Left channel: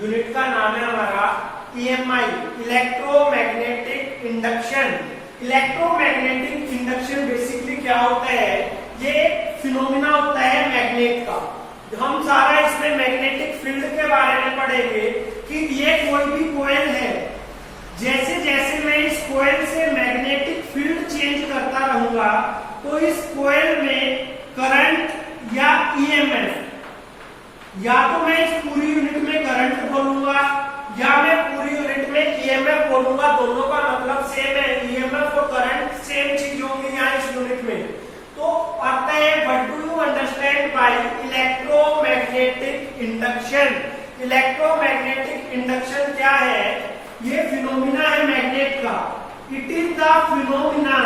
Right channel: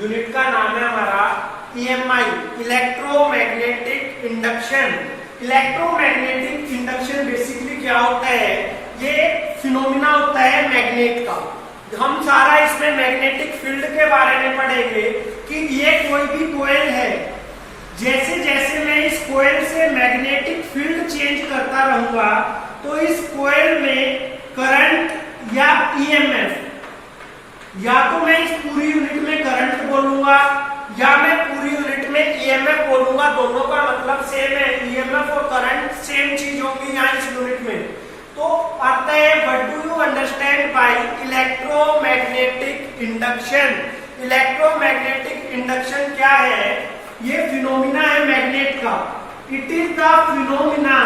Unit का नाम है हमारा EMI, electromagnetic induction. Electromagnetic induction basically क्या होता है, ये फिनोमिना होता है मैग्नेट का। हम सारा इसमें मैग्नेटिक फील्ड के बारे में पढ़ेंगे कि ये कोई भी कॉइल है, जैसे जैसे मैं इस कॉइल से मैग्नेटिक फील्ड चेंज करता रहूंगा तो इस कॉइल में करंट या EMF, या तो मैं इस पूरी यूनिट में करंट बोलूंगा या मैं पूरी यूनिट में EMF बोलूंगा, दोनों का मतलब सेम है। EMF और करंट सेम चीज होगी यहाँ इस यूनिट में। तो आता है what do you understand by electromagnetic induction. Electromagnetic induction क्या है, ये फिनोमिना है मैग्नेट का। It is the phenomena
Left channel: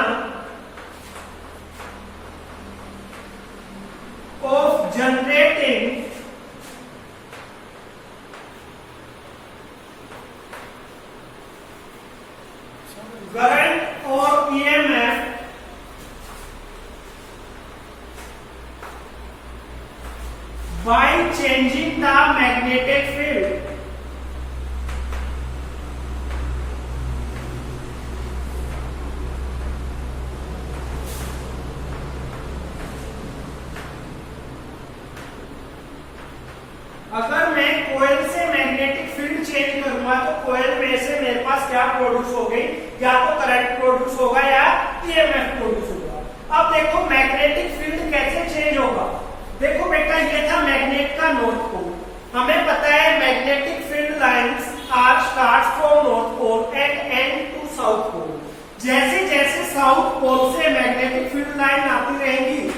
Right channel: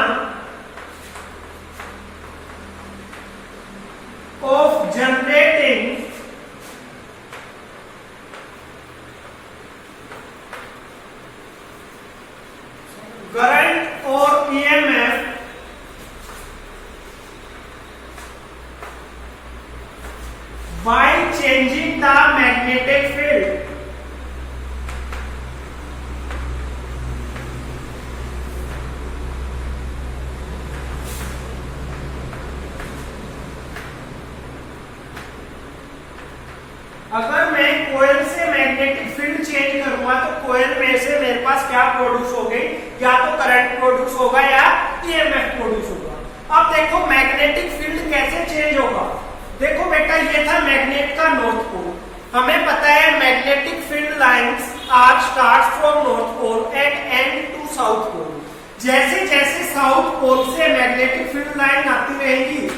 of generating current और EMF by changing the magnetic field। अगर मैं कोयल से मैग्नेटिक फील्ड चेंज करूंगा तो कोयल में से मेरे पास क्या प्रोड्यूस हो गई, या तो करंट प्रोड्यूस होगा या EMF प्रोड्यूस होगा। अब देखो मैग्नेटिक फील्ड कैसे चेंज होगा। देखो बेटा, ये था मैग्नेट का नॉर्थ पोल। हमें पता है magnetic field lines are start from north pole end end to south pole. जैसे जैसे साउथ पोल से मैग्नेटिक फील्ड लाइन आती रहेगी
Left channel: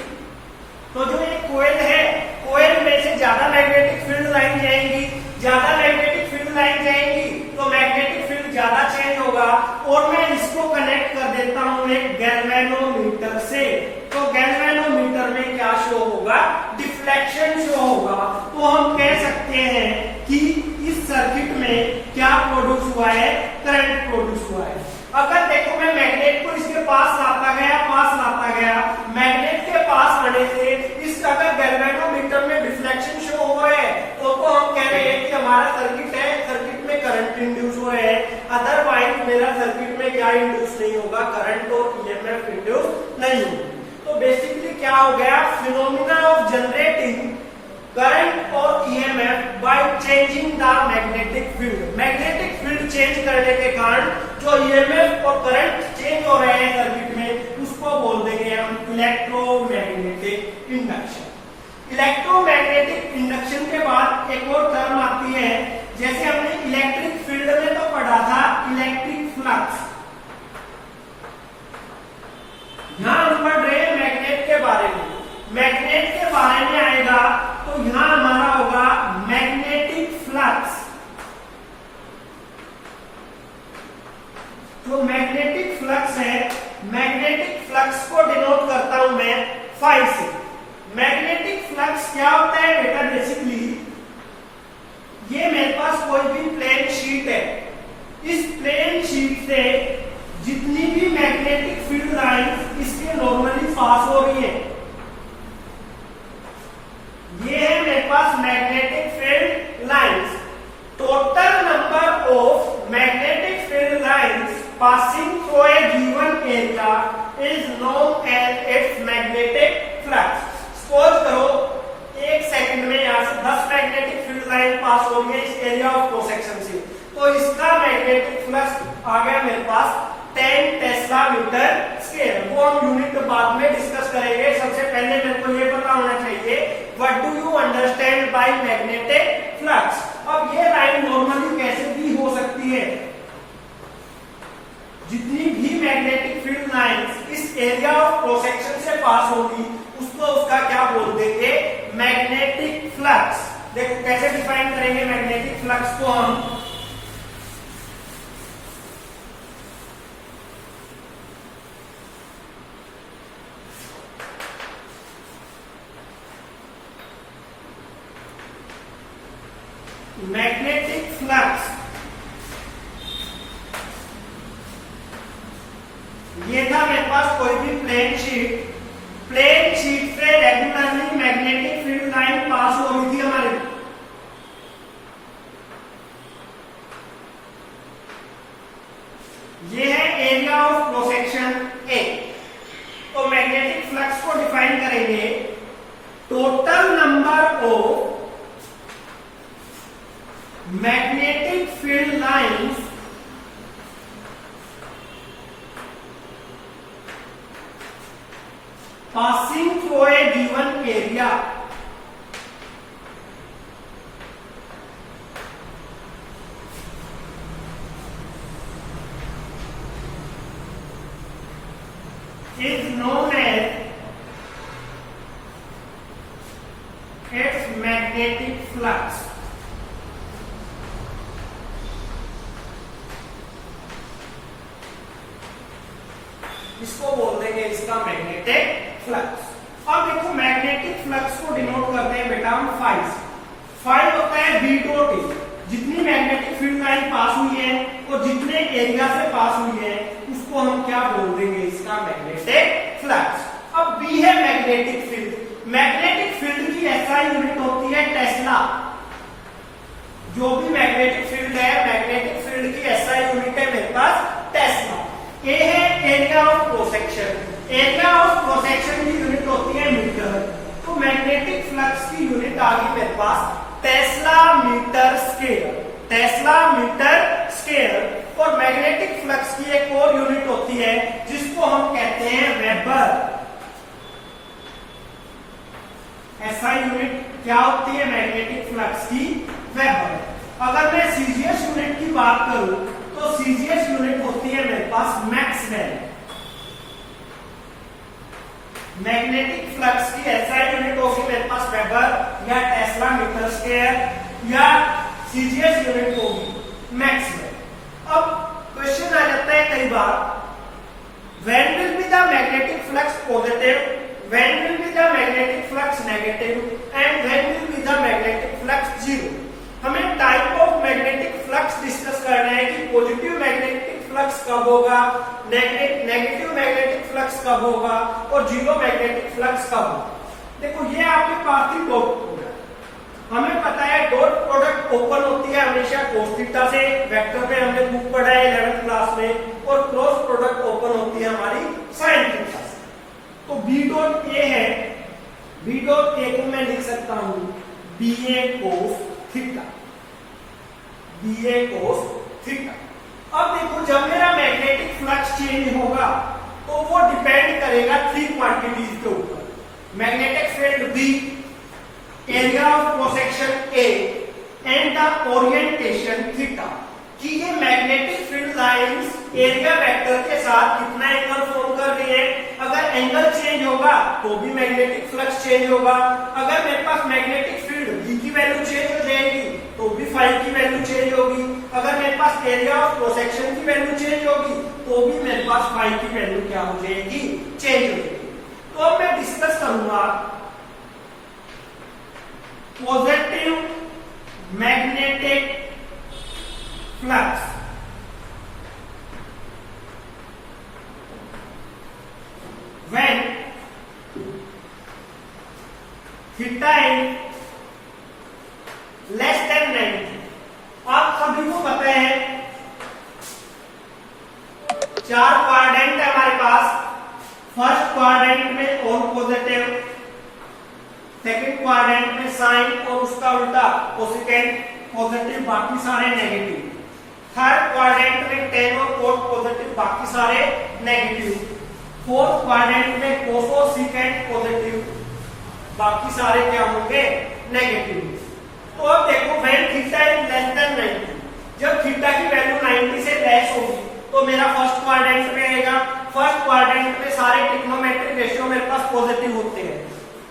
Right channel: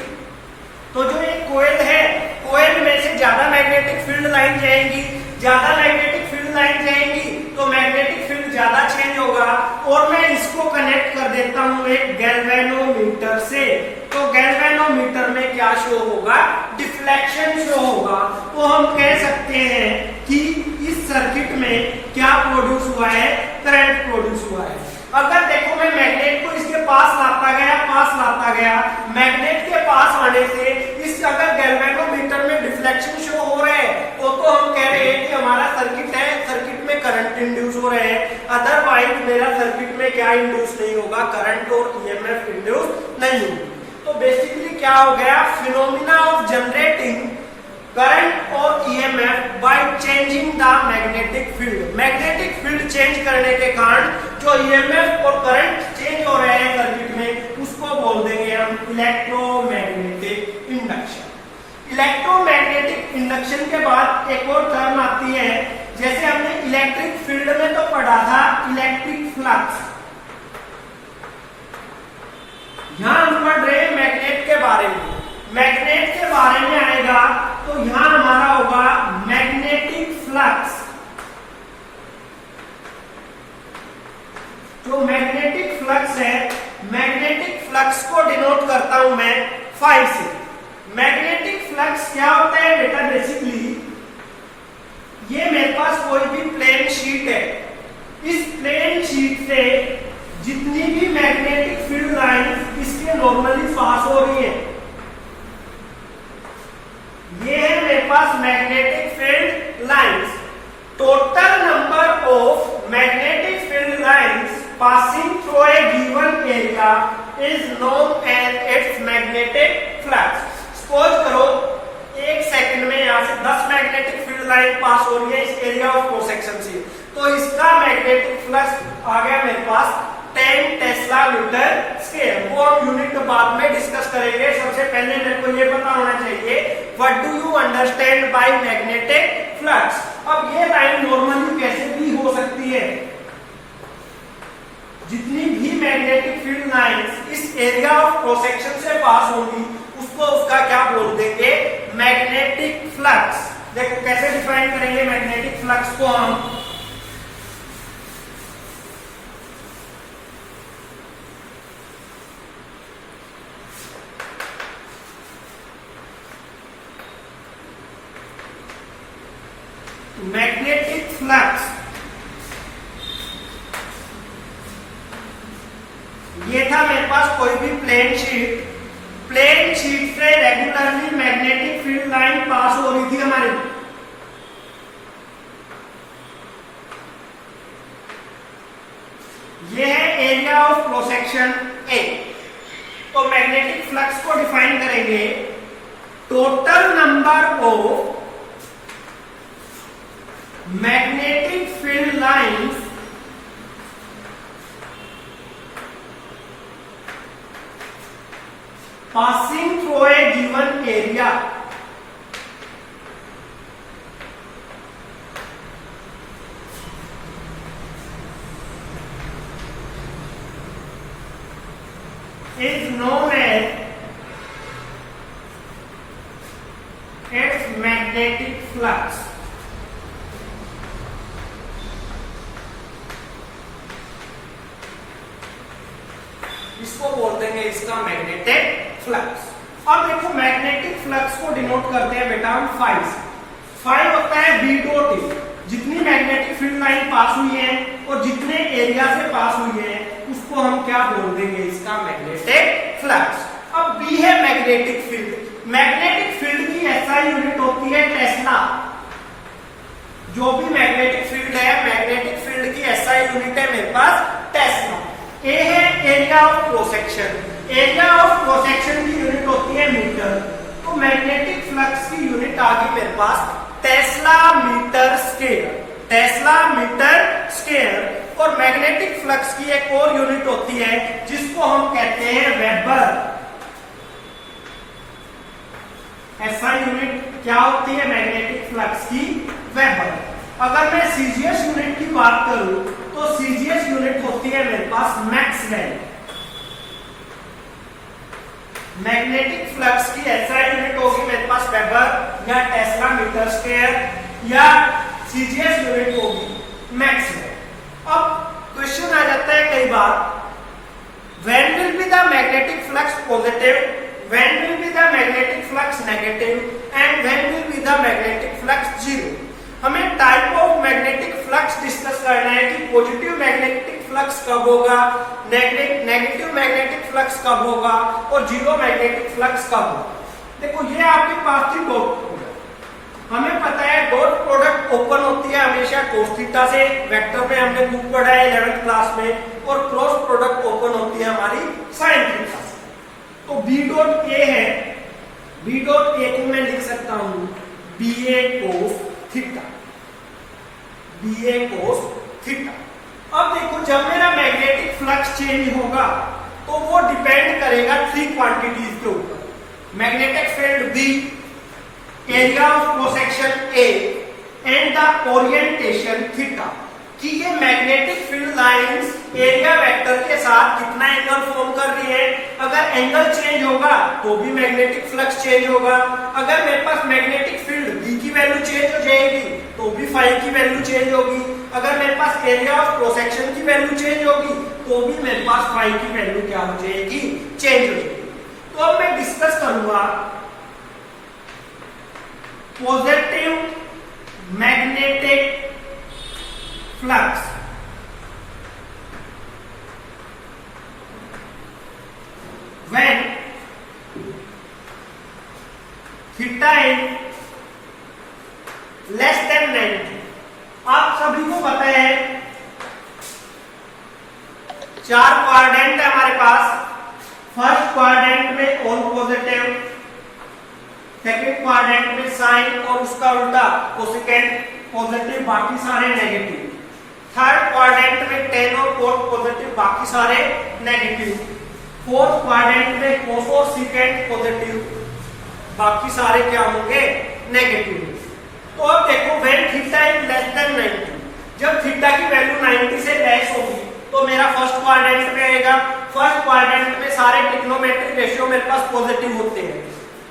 तो जो ये कोयल है, कोयल में से ज्यादा मैग्नेटिक फील्ड लाइन जाएंगी, ज्यादा मैग्नेटिक फील्ड लाइन जाएंगी तो मैग्नेटिक फील्ड ज्यादा चेंज होगा। और मैं इसको कनेक्ट कर देता हूं एक गैल्वेनोमीटर से, तो गैल्वेनोमीटर में क्या शो होगा, डिफ्लेक्शन शो होगा। तो हम कह सकते हैं कि इस सर्किट में क्या प्रोड्यूस हुआ है, करंट प्रोड्यूस हुआ है। अगर देखो मैं मैग्नेट को इसके पास लाता गया, मैग्नेट के पास आने से इस अगर गैल्वेनोमीटर में डिफ्लेक्शन शो हो रहा है तो हम कह रहे हैं कि हमारा सर्किट है, सर्किट में करंट इंड्यूस हो रहे हैं। अदरवाइज मेरा सर्किट में क्या इंड्यूस नहीं होगा, करंट और EMF इंड्यूस नहीं होगी। तो बेसिकली क्या हो गया, फिनोमिना ऑफ जनरेटिंग करंट और EMF by changing the magnetic field. Magnetic field change करने के कारण जो EMF और करंट चेंज हो रहे हैं सर्किट में, उसको बोल देंगे हम इलेक्ट्रोमैग्नेटिक इंडक्शन। इलेक्ट्रोमैग्नेटिक इंडक्शन के बाद एक और टर्म आती है, जैसे हमने इलेक्ट्रिक फील्ड में तो पढ़ा था इलेक्ट्रिक फ्लक्स, यहां हम पढ़ रहे हैं मैग्नेट के बारे में। मैग्नेट के बारे में आएगा तो यहां हमारा होगा मैग्नेटिक फ्लक्स। जो मैग्नेटिक फ्लक्स है, मैग्नेटिक फ्लक्स को डिनोट करता हूं मैं फाई से। मैग्नेटिक फ्लक्स क्या होता है बेटा, बेसिकली ये मेरे पास कोई भी प्लेन शीट है, इस प्लेन शीट से जितनी भी मैग्नेटिक फील्ड लाइन इसके नॉर्मली पास हो रही है, ये है मेरे पास magnetic field lines. Total number of magnetic field lines passing through a given area is known as its magnetic flux. Suppose करो 1 सेकंड में यहां से 10 मैग्नेटिक फील्ड लाइन पास हो रही है इस एरिया ऑफ क्रॉस सेक्शन से, तो इसका मैग्नेटिक फ्लक्स आ गया मेरे पास 10 टेस्ला मीटर स्क्वायर। वो हम यूनिट बाद में डिस्कस करेंगे। सबसे पहले मेरे को ये पता होना चाहिए what do you understand by magnetic flux. अब ये लाइन नॉर्मली कैसे भी हो सकती है, जितनी भी मैग्नेटिक फील्ड लाइंस इस एरिया ऑफ क्रॉस सेक्शन से पास होगी उसको उसका क्या बोल देंगे, मैग्नेटिक फ्लक्स। देखो कैसे डिफाइन करेंगे मैग्नेटिक फ्लक्स को हम, मैग्नेटिक फ्लक्स ये था मेरे पास कोई भी प्लेन शीट, प्लेन शीट से रेगुलरली मैग्नेटिक फील्ड लाइन पास हो रही थी हमारी। ये है एरिया ऑफ क्रॉस सेक्शन ए। तो मैग्नेटिक फ्लक्स को डिफाइन करेंगे total number of magnetic field lines passing through a given area is known as its magnetic flux। इसको बोलते हैं इसका मैग्नेटिक फ्लक्स। अब देखो मैग्नेटिक फ्लक्स को डिनोट करते हैं बेटा हम फाइव होता है बी डॉट ए। जितनी मैग्नेटिक फील्ड लाइन पास हुई है और जितने एरिया से पास हुई है उसको हम क्या बोल देंगे, इसका मैग्नेटिक फ्लक्स। अब बी है मैग्नेटिक फील्ड। मैग्नेटिक फील्ड की एसआई यूनिट होती है टेस्ला। जो भी मैग्नेटिक फील्ड है, मैग्नेटिक फील्ड की एसआई यूनिट है मेरे पास टेस्ला। ए है area of cross section. Area of cross section की यूनिट होती है मीटर। तो मैग्नेटिक फ्लक्स की यूनिट आ गई मेरे पास tesla metre square. Tesla metre square. और मैग्नेटिक फ्लक्स की एक और यूनिट होती है जिसको हम कहते हैं वेबर। ऐसा यूनिट क्या होती है मैग्नेटिक फ्लक्स की, वेबर। अगर मैं सीजीएस यूनिट की बात करूं तो सीजीएस यूनिट होती है मेरे पास मैक्सवेल। मैग्नेटिक फ्लक्स की एसआई यूनिट होगी मेरे पास वेबर या टेस्ला मीटर स्क्वायर या सीजीएस यूनिट होगी मैक्सवेल। अब क्वेश्चन आ जाता है कई बार, when will be the magnetic flux positive, when will be the magnetic flux negative and when will be the magnetic flux zero. हमें type of magnetic flux discuss करना है कि पॉजिटिव मैग्नेटिक फ्लक्स कब होगा, नेगेटिव मैग्नेटिक फ्लक्स कब होगा और zero magnetic flux कब होगा। देखो ये आपके पास थी डॉट प्रोडक्ट। हमें पता है डॉट प्रोडक्ट ओपन होती है हमेशा cos थीटा से, वेक्टर में हमने बुक पढ़ा है 11th क्लास में, और क्रॉस प्रोडक्ट ओपन होती है हमारी sin थीटा से। तो बी डॉट ए है, बी डॉट ए को मैं लिख सकता हूं बी ए cos थीटा, बी ए cos थीटा। अब देखो जब मेरा मैग्नेटिक फ्लक्स चेंज होगा तो वो डिपेंड करेगा थ्री क्वांटिटीज के ऊपर, magnetic field B, area of cross section A and the orientation theta. कि ये magnetic field lines area vector के साथ कितना एंगल फॉर्म कर रही है। अगर एंगल चेंज होगा तो भी मैग्नेटिक फ्लक्स चेंज होगा। अगर मेरे पास मैग्नेटिक फील्ड बी की वैल्यू चेंज हो जाएगी तो भी फाई की वैल्यू चेंज होगी। अगर मेरे पास एरिया ऑफ क्रॉस सेक्शन की वैल्यू चेंज होगी तो भी मेरे पास फाई की वैल्यू क्या हो जाएगी, चेंज हो जाएगी। तो अब मैं डिस्कस करूंगा positive magnetic flux. When theta is less than 90, आप सभी को पता है चार क्वाड्रेंट है हमारे पास। फर्स्ट क्वाड्रेंट में ऑल पॉजिटिव, सेकंड क्वाड्रेंट में साइन और उसका उल्टा कोसेकेंट पॉजिटिव, बाकी सारे नेगेटिव। थर्ड क्वाड्रेंट में टेन और कोट पॉजिटिव, बाकी सारे नेगेटिव। फोर्थ क्वाड्रेंट में कोस और सीकेंट पॉजिटिव, बाकी सारे क्या होंगे, नेगेटिव। तो अब देखो when theta is less than 90, जब थीटा की वैल्यू 90 से लेस होगी तो मेरा फर्स्ट क्वाड्रेंट में आएगा। फर्स्ट क्वाड्रेंट में सारे ट्रिग्नोमेट्रिक रेशियो मेरे पास पॉजिटिव होते हैं।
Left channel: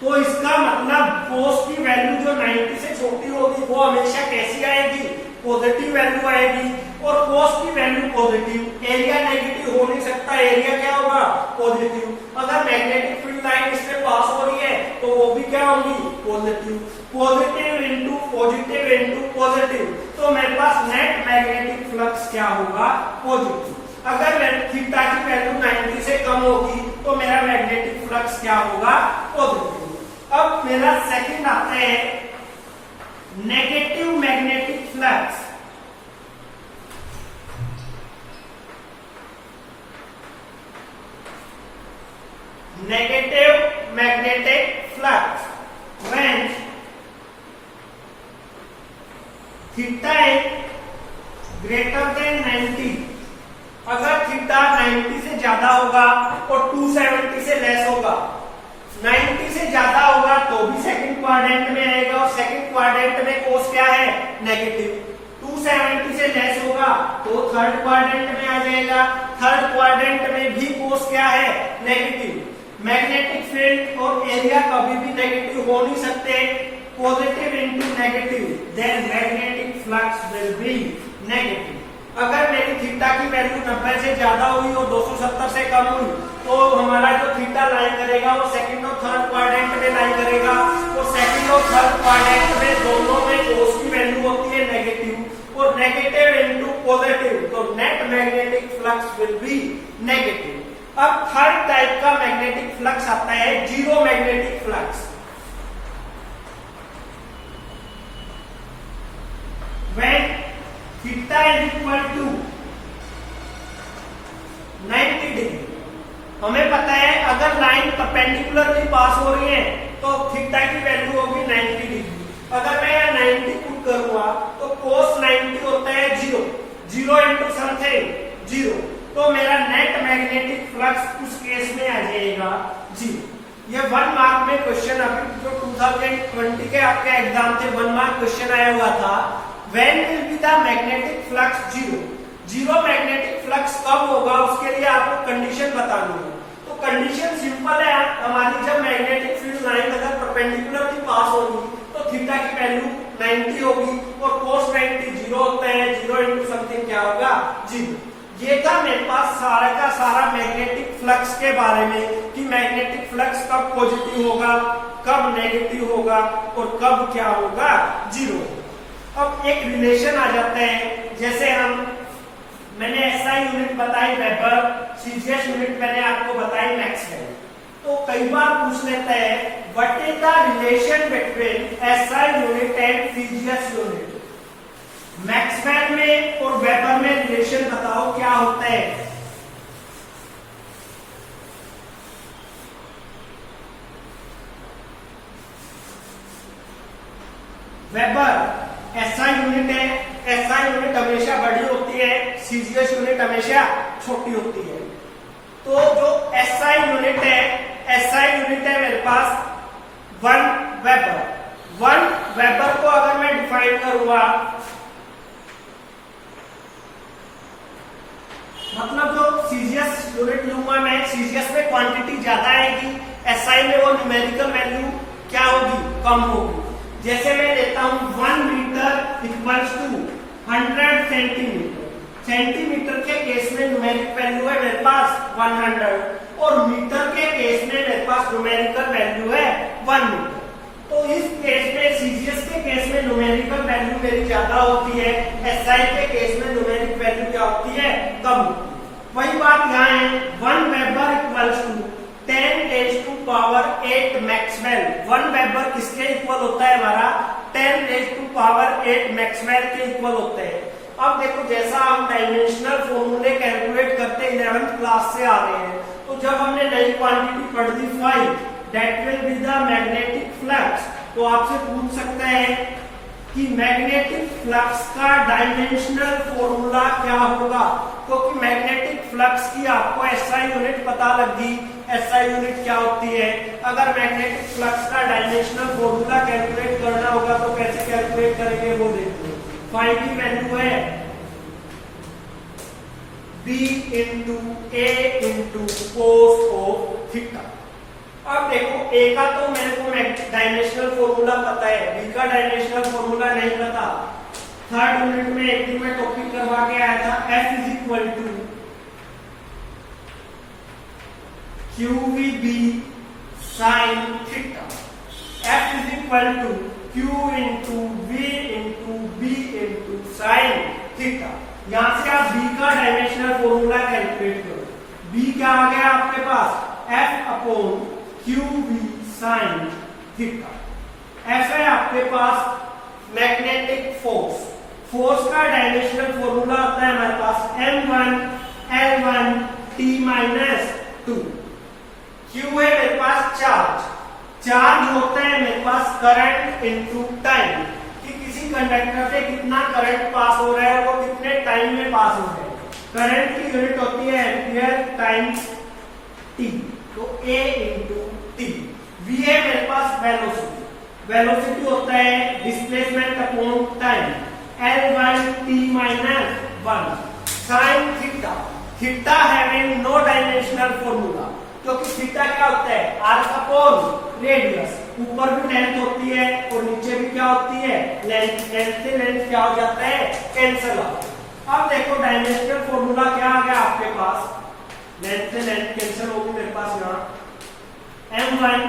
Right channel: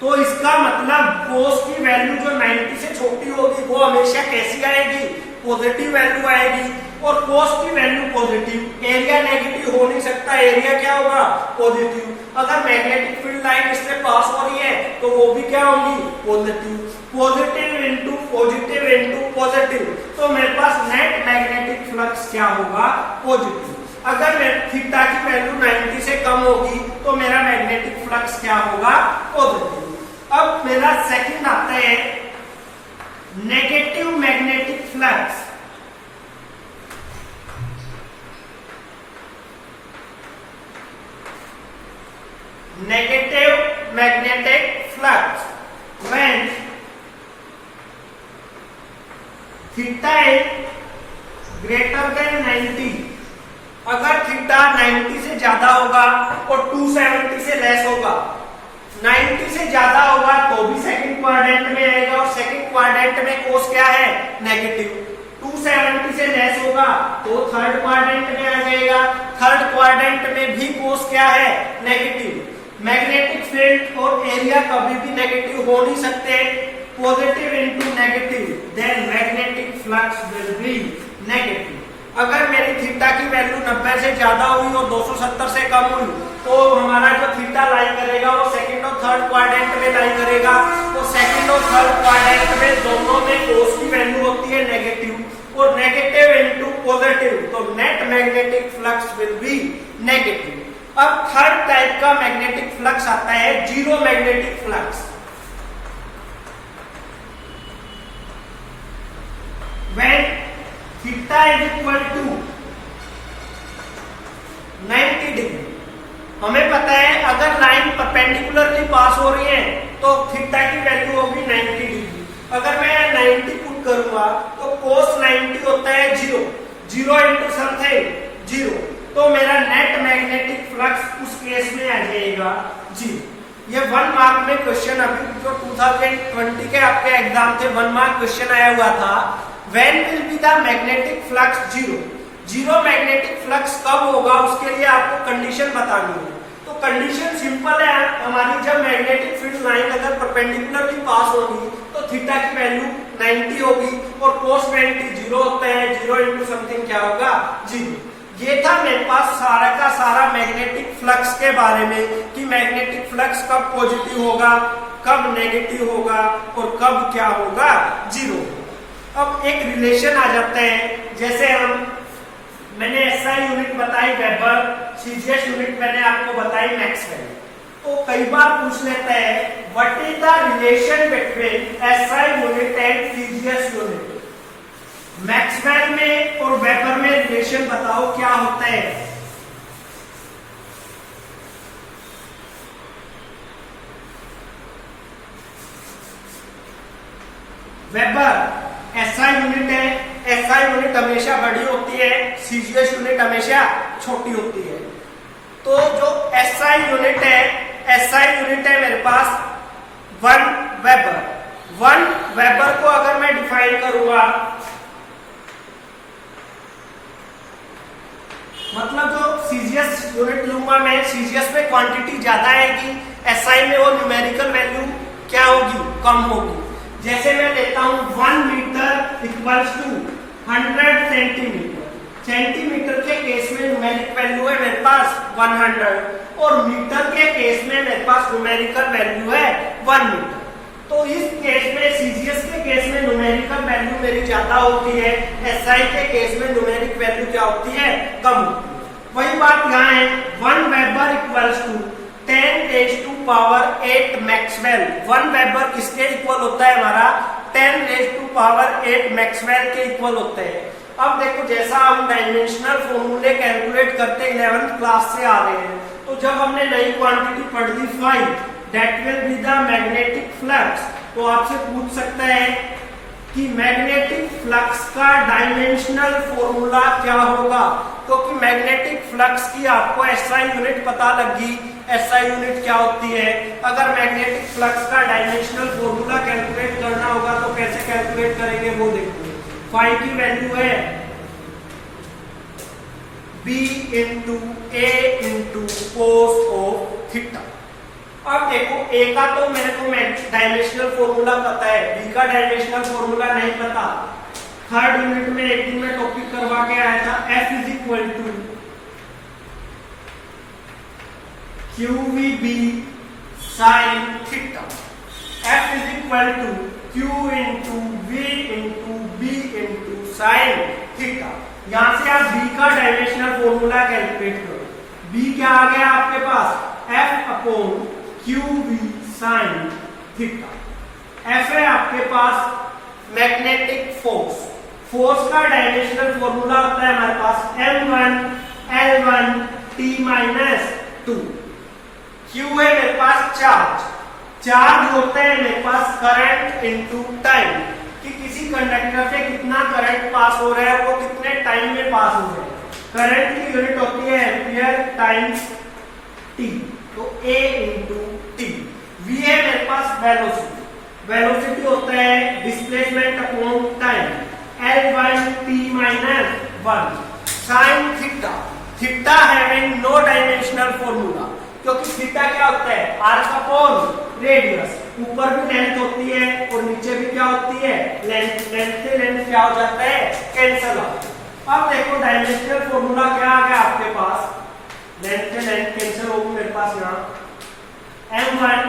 तो इसका मतलब कोस की वैल्यू जो 90 से छोटी होगी वो हमेशा कैसी आएगी, पॉजिटिव वैल्यू आएगी। और कोस की वैल्यू पॉजिटिव, एरिया नेगेटिव हो नहीं सकता, एरिया क्या होगा, पॉजिटिव। अगर मैग्नेटिक फील्ड लाइन इसमें पास हो रही है तो वो भी क्या होगी, positive. Positive into positive into positive, तो मेरे पास नेट मैग्नेटिक फ्लक्स क्या होगा, पॉजिटिव। अगर थीटा की वैल्यू 90 से कम होगी तो मेरा मैग्नेटिक फ्लक्स क्या होगा, पॉजिटिव। अब मेरा सेकंड आता है negative magnetic flux. Negative magnetic flux when theta is greater than 90। अगर थीटा 90 से ज्यादा होगा और 270 से लेस होगा, 90 से ज्यादा होगा तो भी सेकंड क्वाड्रेंट में आएगा और सेकंड क्वाड्रेंट में कोस क्या है, नेगेटिव। 270 से लेस होगा तो थर्ड क्वाड्रेंट में आ जाएगा, थर्ड क्वाड्रेंट में भी कोस क्या है, नेगेटिव। मैग्नेटिक फील्ड और एरिया कभी भी नेगेटिव हो नहीं सकते, positive into negative, then magnetic flux will be negative. अगर मेरी थीटा की वैल्यू 90 से ज्यादा हुई और 270 से कम हुई तो हमारा जो थीटा लाई करेगा वो सेकंड और थर्ड क्वाड्रेंट में लाई करेगा। तो सेकंड और थर्ड क्वाड्रेंट में दोनों में कोस की वैल्यू होती है नेगेटिव और नेगेटिव इनटू पॉजिटिव, तो net magnetic flux will be negative. अब थर्ड टाइप का मैग्नेटिक फ्लक्स आता है zero magnetic flux. When theta is equal to 90 degree, हमें पता है अगर लाइन परपेंडिकुलरली पास हो रही है तो थीटा की वैल्यू होगी 90 डिग्री। अगर मैं 90 पुट करूंगा तो cos 90 होता है 0, 0 इंटू समथिंग 0, तो मेरा नेट मैग्नेटिक फ्लक्स उस केस में आ जाएगा 0। ये 1 मार्क में क्वेश्चन अभी जो 2020 के आपके एग्जाम थे 1 मार्क क्वेश्चन आया हुआ था, When will be the magnetic flux zero? Zero magnetic flux कब होगा उसके लिए आपको कंडीशन बतानी है। तो कंडीशन सिंपल है हमारी, जब मैग्नेटिक फील्ड लाइन अगर परपेंडिकुलरली पास होगी तो थीटा की वैल्यू 90 होगी और cos 90 0 होता है, 0 इंटू समथिंग क्या होगा 0। ये था मेरे पास सारा का सारा मैग्नेटिक फ्लक्स के बारे में कि मैग्नेटिक फ्लक्स कब पॉजिटिव होगा, कब नेगेटिव होगा और कब क्या होगा, 0। अब एक रिलेशन आ जाता है, जैसे मैंने एसआई यूनिट बताई वेबर, सीजीएस यूनिट मैंने आपको बताई मैक्सवेल। तो कई बार पूछ लेता है what is the relation between SI unit and CGS unit. Maxwell में और वेबर में रिलेशन बताओ क्या होता है। वेबर एसआई यूनिट है, एसआई यूनिट हमेशा बड़ी होती है, सीजीएस यूनिट हमेशा छोटी होती है। तो जो एसआई यूनिट है, एसआई यूनिट है मेरे पास 1 वेबर। 1 वेबर को अगर मैं डिफाइन करूंगा, मतलब जो सीजीएस यूनिट लूंगा मैं, सीजीएस में क्वांटिटी ज्यादा आएगी, एसआई में वो न्यूमेरिकल वैल्यू क्या होगी, कम होगी। जैसे मैं लेता हूं 1 metre equals to 100 centimetre. Centimetre के केस में न्यूमेरिक वैल्यू है मेरे पास 100 और मीटर के केस में मेरे पास न्यूमेरिकल वैल्यू है 1 मीटर। तो इस केस में सीजीएस के केस में न्यूमेरिकल वैल्यू मेरी ज्यादा होती है, एसआई के केस में न्यूमेरिक वैल्यू क्या होती है, कम होती है। वही बात यहाँ है, 1 weber equals to 10⁸ maxwell. 1 weber किसके इक्वल होता है हमारा, 10⁸ मैक्सवेल के इक्वल होते हैं। अब देखो जैसा हम डायमेंशनल फॉर्मूले कैलकुलेट करते 11th क्लास से आ रहे हैं, तो जब हमने नई क्वांटिटी पढ़ ली 5 that will be the magnetic flux, तो आपसे पूछ सकता है कि मैग्नेटिक फ्लक्स का डायमेंशनल फॉर्मूला क्या होगा। क्योंकि मैग्नेटिक फ्लक्स की आपको एसआई यूनिट पता लगी, एसआई यूनिट क्या होती है। अगर मैग्नेटिक फ्लक्स का डायमेंशनल फॉर्मूला कैलकुलेट करना होगा तो कैसे कैलकुलेट करेंगे वो देखिए। फाई की वैल्यू है B into A into cos of theta. अब देखो A का तो मेरे को डायमेंशनल फॉर्मूला पता है, B का डायमेंशनल फॉर्मूला नहीं पता। थर्ड यूनिट में एक दिन में टॉपिक करवा के आया था, F is equal to QVB sine theta. F is equal to Q into V into B into sine theta. यहां से आप B का डायमेंशनल फॉर्मूला कैलकुलेट करो। B क्या आ गया आपके पास, F upon QV sine theta. F है आपके पास मैग्नेटिक फोर्स। फोर्स का डायमेंशनल फॉर्मूला होता है हमारे पास M1 L1 T-2। Q है मेरे पास चार्ज, चार्ज होता है मेरे पास करंट इनटू टाइम, कि किसी कंडक्टर से कितना करंट पास हो रहा है, वो कितने टाइम में पास हो रहा है। करंट की यूनिट होती है एम्पियर टाइम्स टी, तो A इंटू टी। V है मेरे पास वेलोसिटी, वेलोसिटी होता है displacement upon time, L1 t minus 1 sine theta, theta having no dimensional formula, क्योंकि थीटा क्या होता है आर्क अपॉन रेडियस, ऊपर भी लेंथ होती है और नीचे भी क्या होती है लेंथ, लेंथ से लेंथ क्या हो जाता है कैंसल हो। अब देखो डायमेंशनल फॉर्मूला क्या आ गया आपके पास, लेंथ से लेंथ कैंसिल होगी मेरे पास यहाँ m1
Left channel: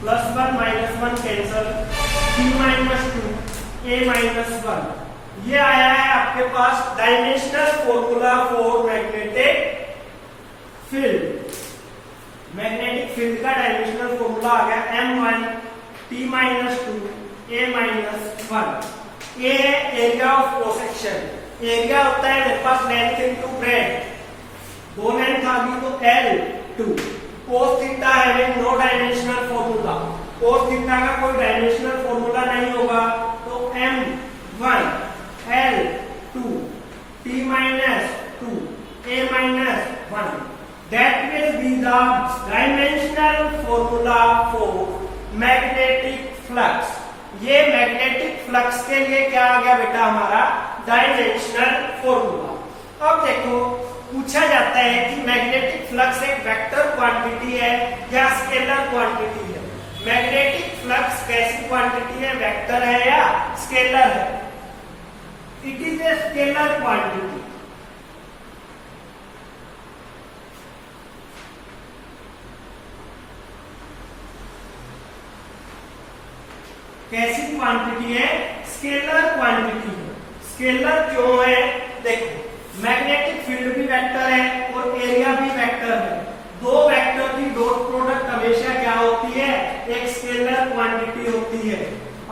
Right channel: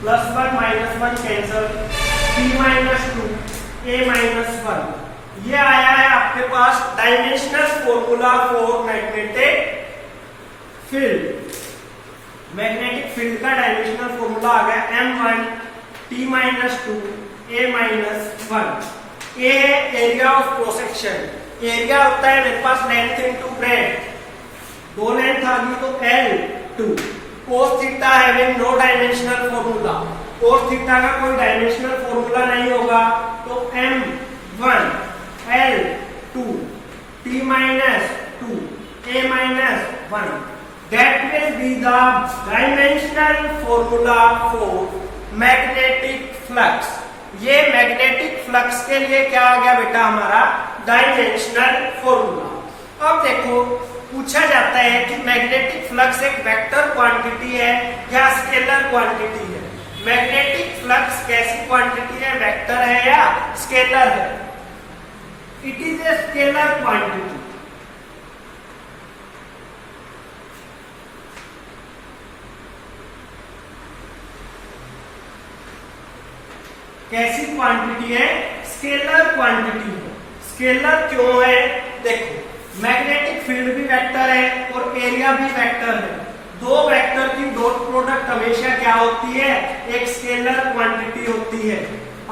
plus 1 minus 1 cancel, t minus 2 a minus 1, ये आया है आपके पास dimensional formula for magnetic field. Magnetic field का डायमेंशनल फॉर्मूला आ गया m1 t minus 2 a minus 1। A है area of cross section, area होता है मेरे पास लेंथ इनटू ब्रेड्थ, दो लेंथ आ गई तो L2। cos theta having no dimensional formula, cos theta का कोई डायमेंशनल फॉर्मूला नहीं होगा, तो m1 L2 t minus 2 a minus 1, that will be the dimensional formula for magnetic flux. ये मैग्नेटिक फ्लक्स के लिए क्या आ गया बेटा हमारा डायमेंशनल फॉर्मूला। अब देखो पूछा जाता है कि मैग्नेटिक फ्लक्स एक वेक्टर क्वांटिटी है या स्केलर क्वांटिटी है। मैग्नेटिक फ्लक्स कैसी क्वांटिटी है, वेक्टर है या स्केलर है? It is a scalar quantity. कैसी क्वांटिटी है? स्केलर क्वांटिटी है। स्केलर क्यों है? देखो मैग्नेटिक फील्ड भी वेक्टर है और एरिया भी वेक्टर है, दो वेक्टर की डॉट प्रोडक्ट हमेशा क्या होती है, एक स्केलर क्वांटिटी होती है।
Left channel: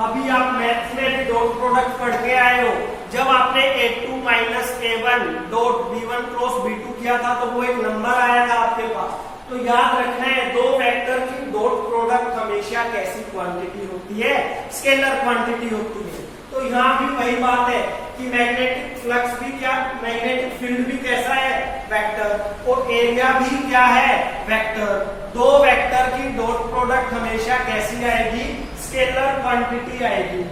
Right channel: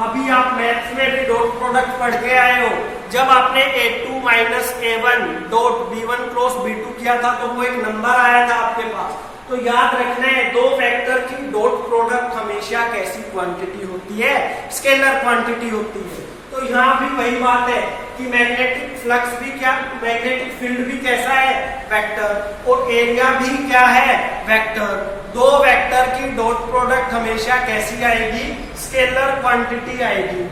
अभी आप मैथ्स में भी डॉट प्रोडक्ट पढ़ के आए हो, जब आपने A2 minus A1 dot B1 cross B2 किया था तो वो एक नंबर आया था आपके पास। तो याद रखना है दो वेक्टर की डॉट प्रोडक्ट हमेशा कैसी क्वांटिटी होती है, स्केलर क्वांटिटी होती है। तो यहाँ भी वही बात है कि मैग्नेटिक फ्लक्स भी क्या, मैग्नेटिक फील्ड भी कैसा है, वेक्टर, और एरिया भी क्या है, वेक्टर। दो वेक्टर की डॉट प्रोडक्ट हमेशा कैसी आएगी, स्केलर क्वांटिटी आएगी।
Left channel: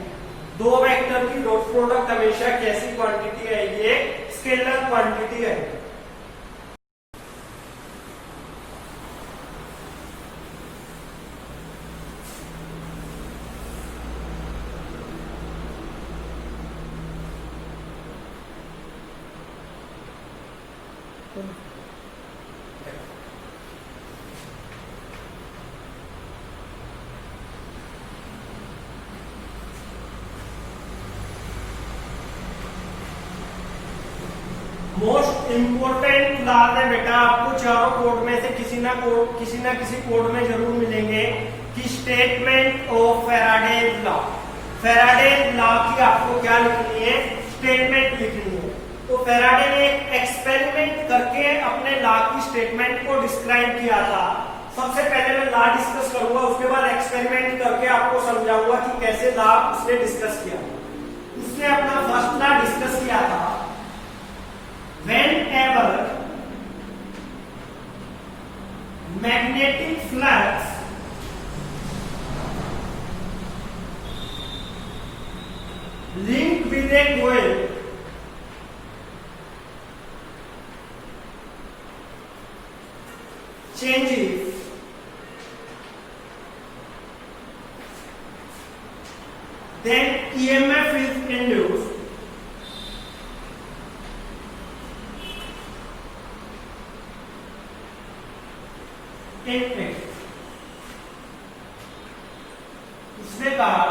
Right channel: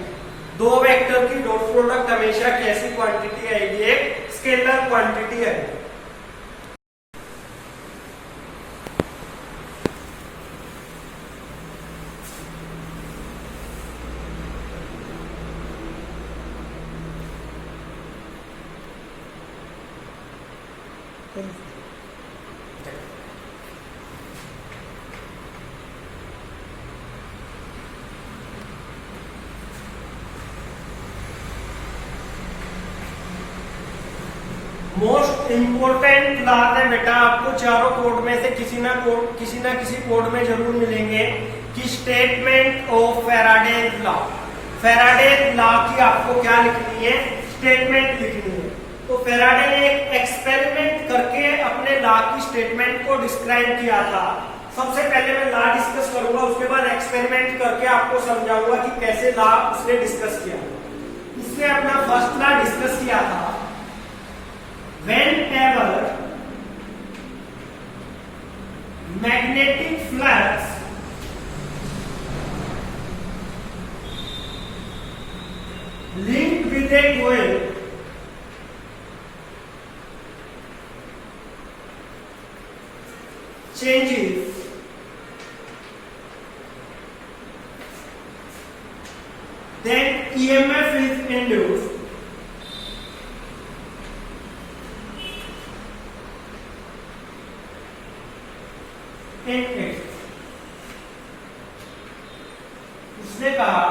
दो वेक्टर की डॉट प्रोडक्ट हमेशा कैसी क्वांटिटी आएगी, स्केलर क्वांटिटी आएगी। मोस्ट इंपोर्टेंट लॉ है बेटा, आपको चारों कोड में से किसी ना किसी कोड में जरूर मिलेंगे कि statement of Faraday law. Faraday law की आपको क्या लिखनी है, स्टेटमेंट लिखनी है। तो फैराडे ने एक एक्सपेरिमेंट करके अपने लॉ की स्टेटमेंट को डिस्क्राइब किया था। सबसे पहले मैं लॉ डिस्कस करूंगा, उसके बाद एक्सपेरिमेंट करके आपको समझाऊंगा कि कैसे लॉ उसने डिस्कस किया। उसने अपना फर्स्ट लॉ डिस्कस किया था, whenever magnetic flux linked with a coil changes, then EMF is induced उसने कहा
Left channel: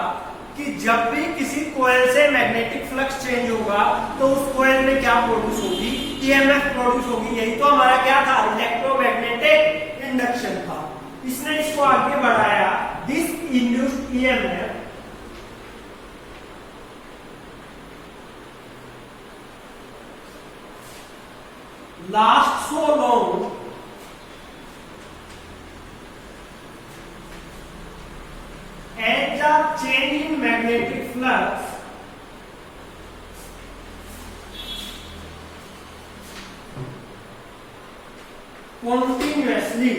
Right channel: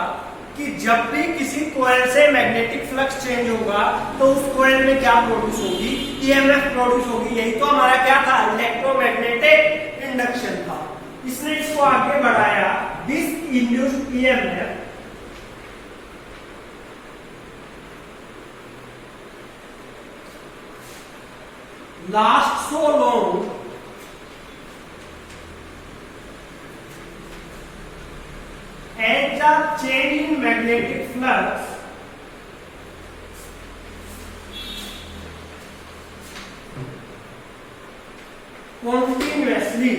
कि जब भी किसी कोयल से मैग्नेटिक फ्लक्स चेंज होगा तो उस कोयल में क्या प्रोड्यूस होगी, ईएमएफ प्रोड्यूस होगी। यही तो हमारा क्या था, इलेक्ट्रोमैग्नेटिक इंडक्शन था। इसने इसको आगे बढ़ाया, this induced EMF last so long change in magnetic flux continuously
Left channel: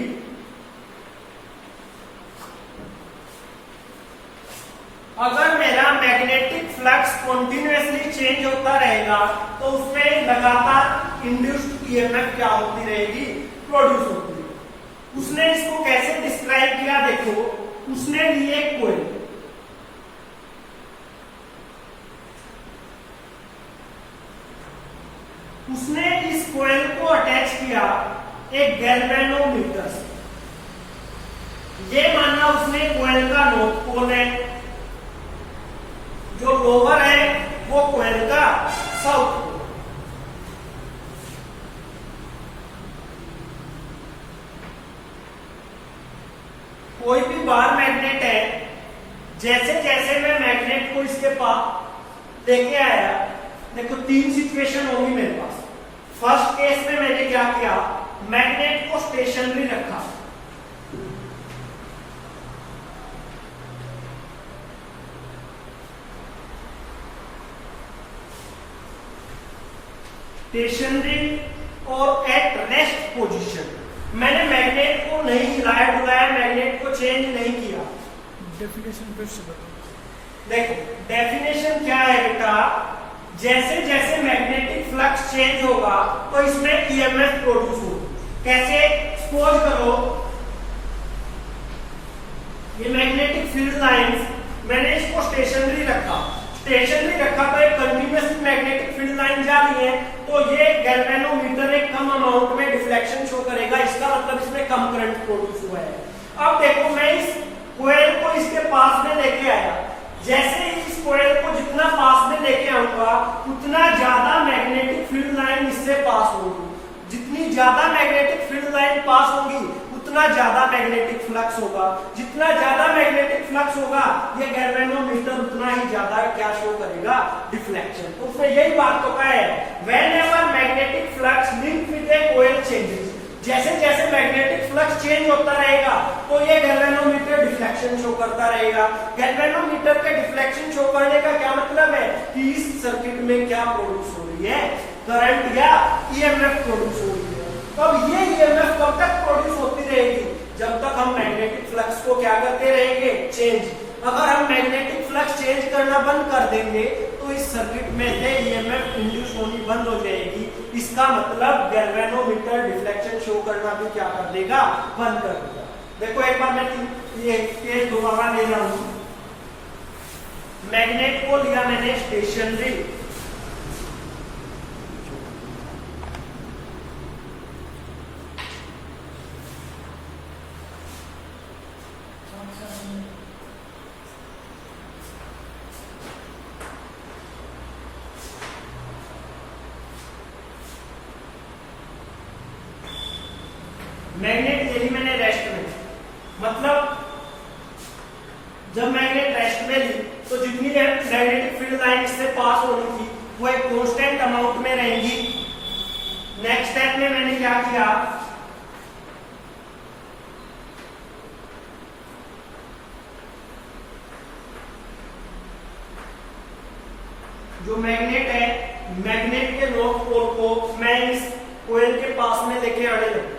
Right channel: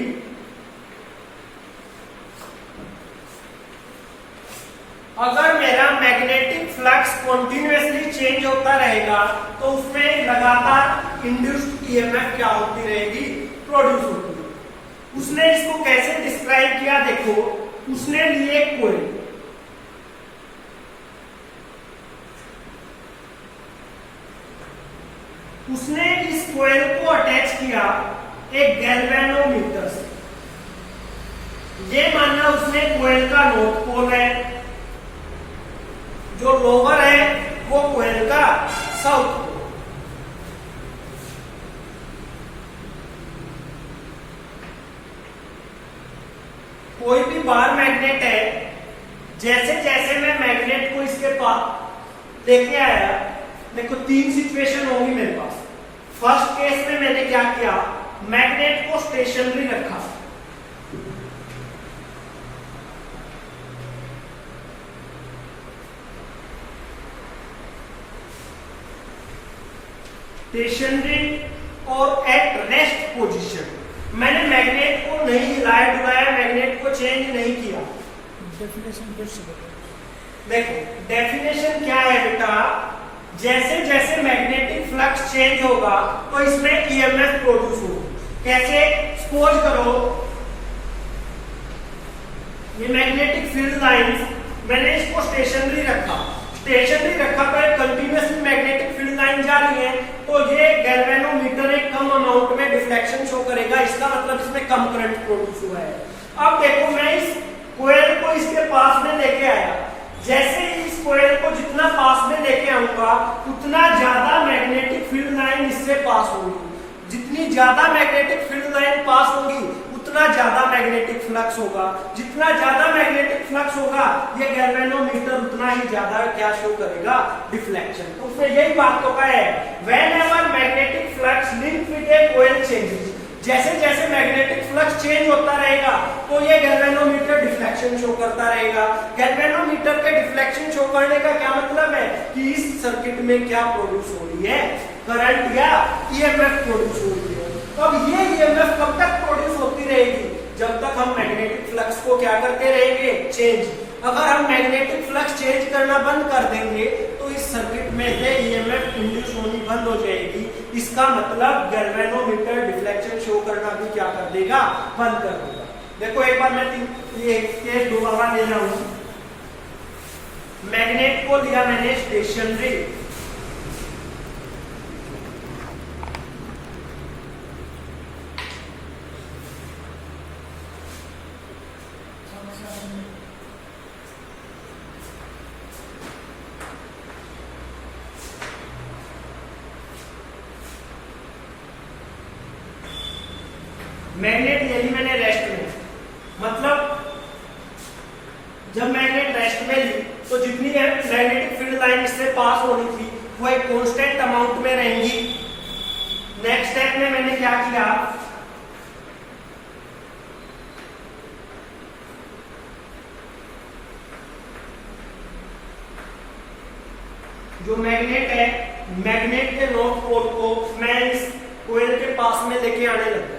अगर मेरा मैग्नेटिक फ्लक्स कॉन्टिन्यूसली चेंज होता रहेगा तो उसमें लगातार इंड्यूस्ड ईएमएफ क्या होती रहेगी, प्रोड्यूस होती रहेगी। उसने इसको कैसे डिस्क्राइब किया, देखो उसने लिए कोयल, उसने इस कोयल को अटैच किया एक गैल्वेनोमीटर से। ये मानना उसने कोयल का नॉर्थ पोल है, जो लोअर है वो कोयल का साउथ पोल। कोई भी बार मैग्नेट है, जैसे जैसे मैं मैग्नेट को इसके पास लेके आया, देखो तीन सिचुएशन होंगी मेरे पास। फर्स्ट केस में मैंने क्या किया, मैग्नेट को स्टेशनरी रखा, स्टेशनरी और एट रेस्ट पोजीशन। मैंने मैग्नेट को नहीं हिलाया डुलाया, मैग्नेट को चेंज नहीं किया। डेफिनेशन फिर से बताओ। देखो डेफिनेशन क्या है बेटा, जैसे जैसे मैग्नेटिक फ्लक्स चेंज होगा तो इसमें ईएमएफ प्रोड्यूस होगा। कैसे, सपोज करो ये मैग्नेटिक फील्ड लाइंस, मैंने इसको स्टेशनरी रखा तो एक कंटिन्यूअसली मैग्नेटिक फील्ड लाइन जा रही है, तो ये गैल्वेनोमीटर एक कम अमाउंट में डिफ्लेक्शन शो करेगा। इसका मतलब इसमें कम करंट प्रोड्यूस हुआ है। अब देखो मैं इस कोयल को इसके पास में लेके आया, जैसे ही इस कोयल को जितना पास में लेके आऊंगा उतना ज्यादा मैग्नेटिक फील्ड लाइन इससे पास होगी। जितनी ज्यादा मैग्नेटिक फील्ड लाइन पास होगी उतना ज्यादा मैग्नेटिक फ्लक्स होगा। जितना ज्यादा मैग्नेटिक फ्लक्स होगा ये गैल्वेनोमीटर उतना ही ज्यादा क्या शो करेगा, डिफ्लेक्शन। तो उसमें यही बात तो है, whenever magnetic flux link with a coil changes, जैसे जैसे मैग्नेटिक फ्लक्स चेंज होता रहेगा तो ये गैल्वेनोमीटर डिफ्लेक्शन शो करता रहेगा। गैल्वेनोमीटर के डिफ्लेक्शन शो करने का क्या मतलब है कि इस सर्किट में क्या प्रोड्यूस हो रही है, करंट या ईएमएफ प्रोड्यूस हो रही है। अब ये ईएमएफ कब तक प्रोड्यूस होती रहेगी, जब तक हम मैग्नेटिक फ्लक्स को क्या करते रहेंगे, चेंज। अगर हम मैग्नेटिक फ्लक्स चेंज करना बंद कर देंगे तो इस सर्किट में से ईएमएफ इंड्यूस होनी बंद हो जाएगी। इसका मतलब गैल्वेनोमीटर डिफ्लेक्शन शो करना भी क्या कर देगा, बंद कर देगा। देखो एक बार मैं ये केस दोबारा ले रहा हूं। मैग्नेट को लिया मैंने स्टेशनरी, मैग्नेट ले ली मैंने रेस्ट में। मतलब जब मैग्नेट रेस्ट में ली तो जितनी मैग्नेटिक फील्ड लाइन इससे पास होनी थी वो एक कांस्टेंट अमाउंट में रहेंगी। नेक्स्ट स्टेप में मैंने क्या किया, जो मैग्नेट है, मैग्नेट के नॉर्थ पोल को मैं इस कोयल के पास में लेके आने लगा।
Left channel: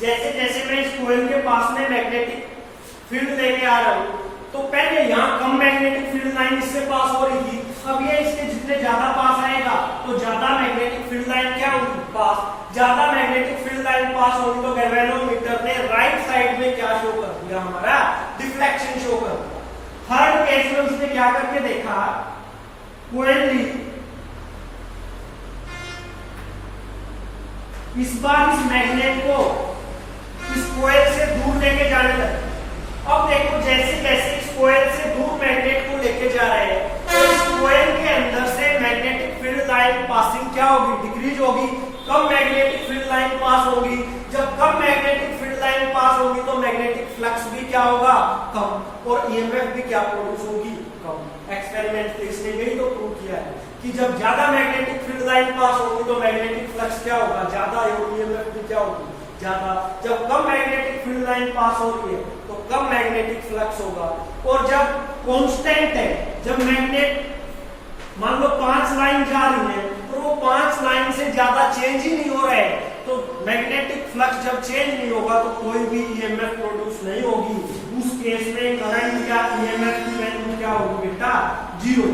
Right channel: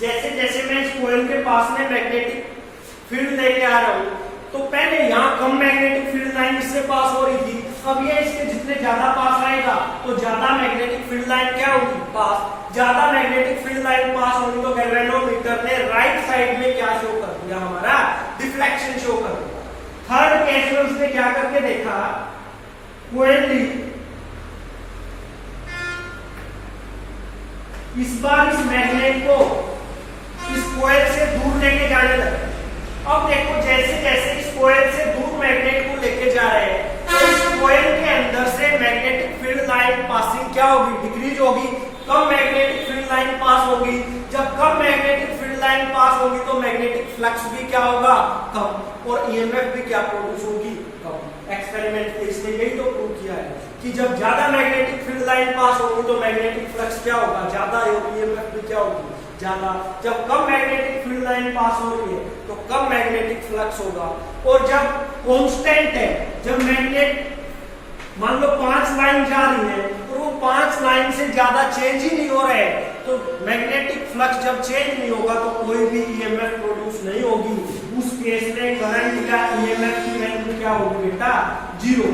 जैसे जैसे मैं इस कोयल के पास में मैग्नेटिक फील्ड लेके आ रहा हूं तो पहले यहाँ कम मैग्नेटिक फील्ड लाइन इससे पास हो रही थी, अब ये इसके जितने ज्यादा पास आएगा तो ज्यादा मैग्नेटिक फील्ड लाइन क्या होगी, पास। ज्यादा मैग्नेटिक फील्ड लाइन पास होगी तो गैल्वेनोमीटर ने राइट साइड में क्या शो कर दिया, हमारा डिफ्लेक्शन शो कर दिया। थर्ड केस में उसने क्या करके देखा, कोयल ली, इस बार इस मैग्नेट को इस कोयल से दूर लेके जाने लगे। अब देखो जैसे जैसे इस कोयल से दूर मैग्नेट को लेके जा रहे हैं तो इस कोयल के अंदर से मैग्नेटिक फील्ड लाइन पासिंग क्या होगी, डिक्रीज होगी। कम मैग्नेटिक फील्ड लाइन पास होगी। जब कम मैग्नेटिक फील्ड लाइन पास होगी तो मैग्नेटिक फ्लक्स भी क्या होगा, कम, और ईएमएफ भी क्या प्रोड्यूस होगी, कम। एक्सपेरिमेंट इसने यही तो प्रूव किया है कि जब ज्यादा मैग्नेटिक फील्ड लाइन पास होगी तो मैग्नेटिक फ्लक्स क्या होगा, ज्यादा, और ईएमएफ भी क्या होगी, ज्यादा। जब कम मैग्नेटिक फील्ड लाइन पास हो रही है तो कम मैग्नेटिक फ्लक्स होगा, और जब कांस्टेंट है। जब मैग्नेट मान लो 5 लाइन जा रही है तो वो 5 लाइन से ज्यादा चेंज ही नहीं हो रहा है, तो मैग्नेटिक फ्लक्स जब चेंज नहीं होगा तो कोई भी ईएमएफ प्रोड्यूस नहीं होगी। उस केस में करंट या ईएमएफ की वैल्यू क्या होगी बेटा? जीरो।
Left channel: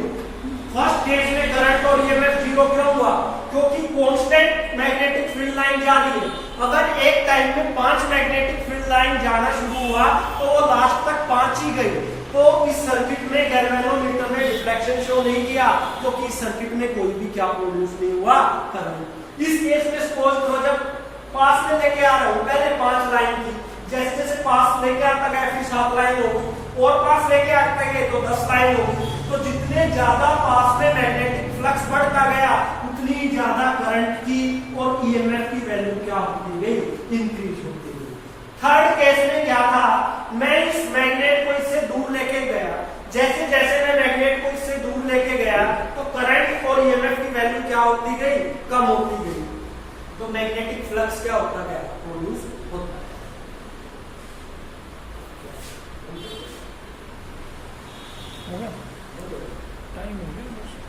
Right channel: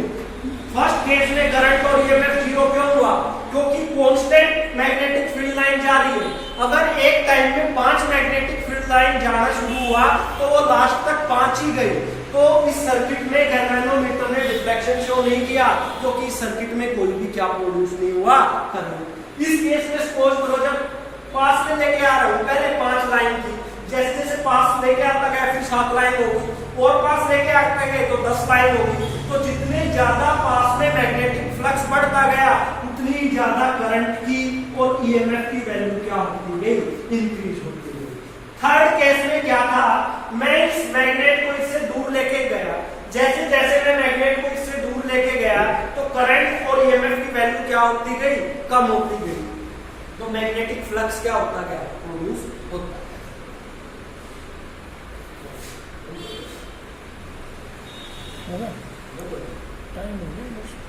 फर्स्ट केस में करंट और ईएमएफ जीरो क्यों हुआ? क्योंकि कांस्टेंट मैग्नेटिक फील्ड लाइन जा रही है। अगर एक टाइम में 5 मैग्नेटिक फील्ड लाइन जाना शुरू हुआ तो वो लास्ट तक 5 ही गई, तो इस सर्किट में गैल्वेनोमीटर ने रिफ्लेक्शन शो नहीं किया, क्योंकि इस सर्किट में कोई भी क्या प्रोड्यूस नहीं हुआ? करंट। इस केस में सपोज करो जब पास में लेके आ रहा हूं, पहले 5 लाइन थी, जैसे जैसे पास लेके आता गया फिर 7 लाइन होगी, और पास लेके आता गए तो 10 लाइन होगी। तो जितने ज्यादा पास में मैग्नेटिक फ्लक्स बढ़ता गया उतनी ज्यादा करंट की और ईएमएफ की वैल्यू क्या होती गई? इंक्रीज होती गई। थर्ड केस में क्या था? मैं इस मैग्नेट को इससे दूर लेके गया, जैसे जैसे मैं मैग्नेट को इससे दूर लेके गया तो करंट और ईएमएफ की वैल्यू क्या होती गई? कम होती गई। तो मैग्नेटिक फ्लक्स क्या होता गया? प्रोड्यूस होता गया। टाइम हो गया।